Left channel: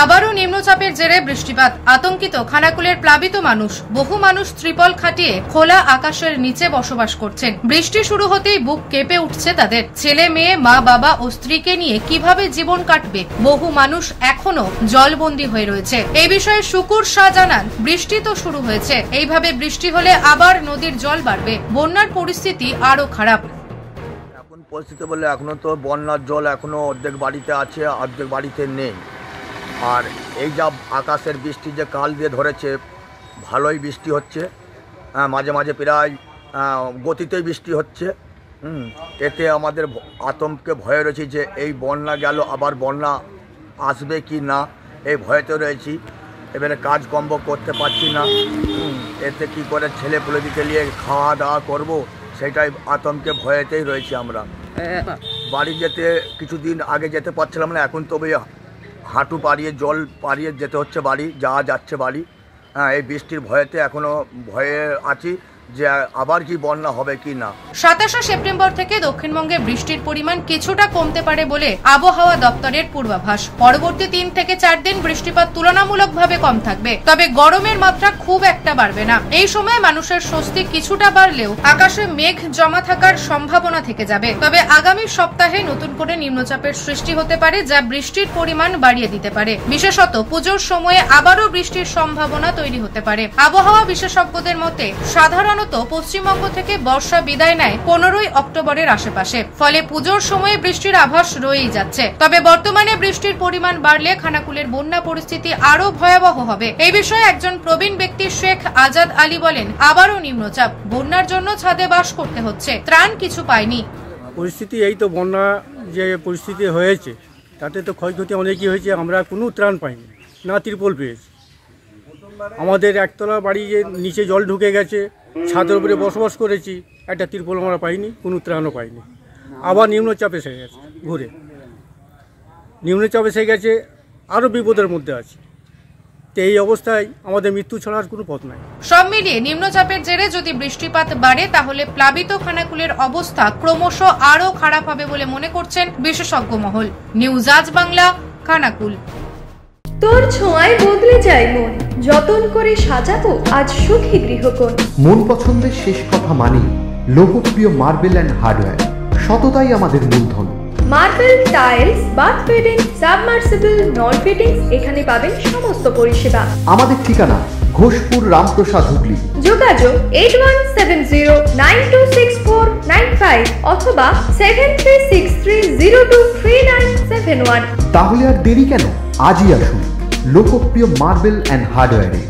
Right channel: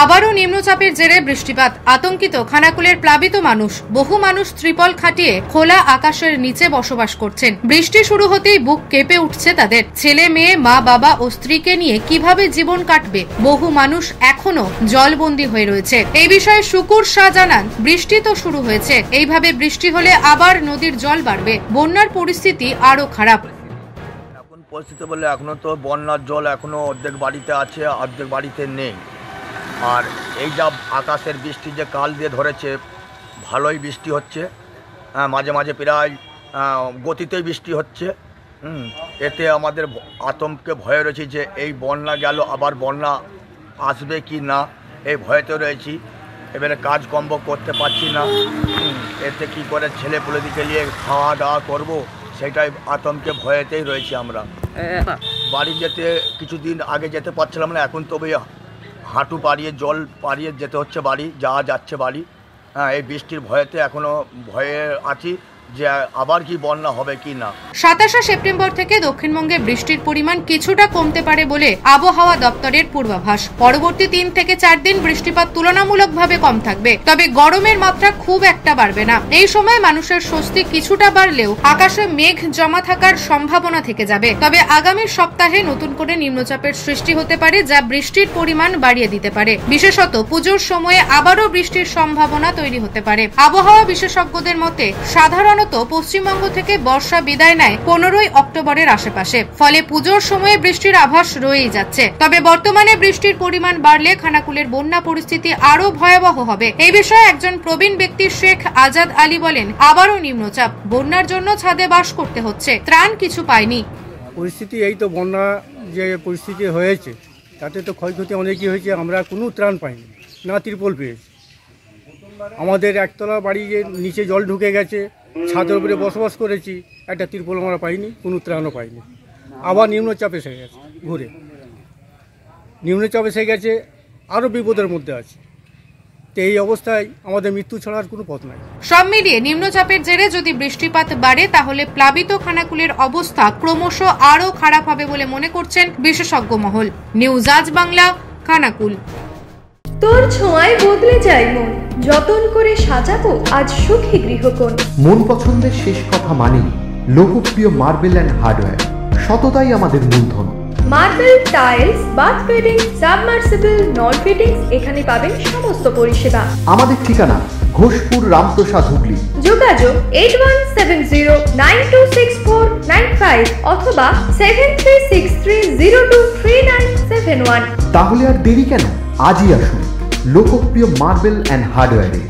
আবারও নিম্নচাপের জেরে বৃষ্টিপাত, আতঙ্কিত খানাকুলের প্লাবিত মানুষ। বহু মানুষ ত্রিপল খাটিয়ে খোলা আকাশের নিচে বসবাস করছেন। বৃষ্টি শুরু হতেই বুক কেঁপে উঠছে তাদের। ছেলে মেয়ে, মা বাবা ও স্ত্রীকে নিয়ে কিভাবে জীবন কাটবে, বহু মানুষ এখনো জলবন্দী হয়ে রয়েছে। এই বিষয়ে শুকুর শাহ জানান, বৃষ্টি তো শুরু হয়েছে, এইভাবে বৃষ্টি হলে আবার নদীর জল বাড়বে, বন্যার পরিস্থিতি আরো খারাপ। এখন পরিস্থিতি বলে এখনো তো বন্যার জল এখনো অর্ধেক বাড়িতে আছে, অর্ধেক বাড়িতে নেই। আর এই যা আকাশের বৃষ্টি যে কাল দিয়ে ধরেছে, ভালোই বৃষ্টি হচ্ছে, মাঝে মাঝে প্রায় গতিতেই বৃষ্টি হচ্ছে। এতে আমাদের আতঙ্কে ভয়ে রয়েছে যে এই বন্যা গেল, আবার বন্যা আসবে কি না, এই ভয়েতে রয়েছি। এবারে কাজকর্ম করতে পারছি না, এতে কি করে ছেলে পুলেদিকে নিয়ে খাওয়া দাওয়া করবো, সেটাই আতঙ্কে ভয়েতেই রয়েছি আমরা। বাড়ি যেতে কিছুদিন আগে যেতে পারছিলাম না, এখন তবে হাঁটু পাড়িয়ে জল পাড়িয়ে যেতে হচ্ছে বাড়ি, যাওয়া যাচ্ছে বাড়ি। এই বৃষ্টির ভয়েতে এখনো ভয়ে আছি যে আবার কি বন্যা হবে কি না। 27 সেপ্টেম্বর থেকে দক্ষিণবঙ্গে বৃষ্টির পরিমাণ কিছুটা কমতে পারে বলে আবহাওয়া দপ্তরের পূর্বাভাস। পরবর্তী 3 থেকে 4 দিন বৃষ্টিপাত তুলনামূলকভাবে কম থাকবে, তবে গরমের মাত্রা খুব একটা বাড়বে না। এই সময় মানুষের স্বস্তি কিছুটা বাড়লেও আকাশে মেঘ জমা থাকার সম্ভাবনা থেকে যাবে। তবে আগামী সপ্তাহে নতুন করে নিম্নচাপের সৃষ্টি হতে পারে, যা বৃষ্টির পরিমাণ বাড়িয়ে দিতে পারে। বিশেষত পুজোর সময়ে আবারও বৃষ্টির সম্ভাবনা তৈরি হতে পারে। আবহাওয়া বিশেষজ্ঞদের মতে সাধারণত পশ্চিমবঙ্গ থেকে বর্ষা বিদায় নেয় 15 অক্টোবরের আশেপাশে, ফলে পুজোর সময়ে বৃষ্টির আভাস রয়েই যাচ্ছে। তবে বর্তমানে বৃষ্টির পরিমাণ বাড়লে খানাকুলের বন্যা পরিস্থিতি আরো ভয়াবহ হবে। এই বিষয়ে একজন প্রবীণ ব্যক্তি শেখ আজাদ আলী বলেন, আবারও নিম্নচাপ, বন্যার জন্য ছাদে বাস করতে হচ্ছে, ত্রাণ কিছু পায়নি। পরিস্থিতি এই তো, বন্যা যে পরিস্থিতি হয়েছে তাতে তো ক্ষয়ক্ষতি অনেকই হয়েছে। আমরা কোনো ত্রাণ পাইনি, না ত্রিপল পেয়েছি। আমাদের একতলা বাড়ি যে নিচে জল ঢুকে গেছে, ছাদের উপরে বসবাস করেছি, একটা ত্রিপল আমরা পাইনি, কোনো ত্রাণও পাইনি। আবার নিম্নচাপ এসে গেছে, ঘুরে নিম্নচাপ এসে গেছে, আরও বিপদের মধ্যে আছে। তো এই অবস্থায় আমাদের মৃত্যু ছাড়ার কোনো পথ নাই। সব মিলিয়ে নিম্নচাপের জেরে যদি বৃষ্টিপাত বাড়ে, তাহলে প্লাবিত খানাকুলের অবস্থা ক্রমশ আরো খারাপ হবে বলে মনে করছেন বিশেষজ্ঞ মহল। নিউজ আজ বাংলা, খানাকুল। তোর ছোঁয়ায় বদলে যায় মন, যতন করে সাজাবো আজ সুখী গৃহকোণ। মন পছন্দের শেষ কথা মানি লোকপ্রিয় মার্বেল অ্যান্ড হার্ডওয়্যার, সততাই আমাদের মূলধন। Marble, tiles, bath fitting, submersible, নল ফিটিংস, এখানে পাবেন সমস্ত পরিষেবা। আমাদের ঠিকানা ঘোষপুর, রামপ্রসাদ, হুগলি। যোগাযোগ 8170926495 অথবা 7363023971। তাহলে আর দেরি কেন, আজই আসুন লোকপ্রিয় মার্বেল অ্যান্ড হার্ডওয়্যারে।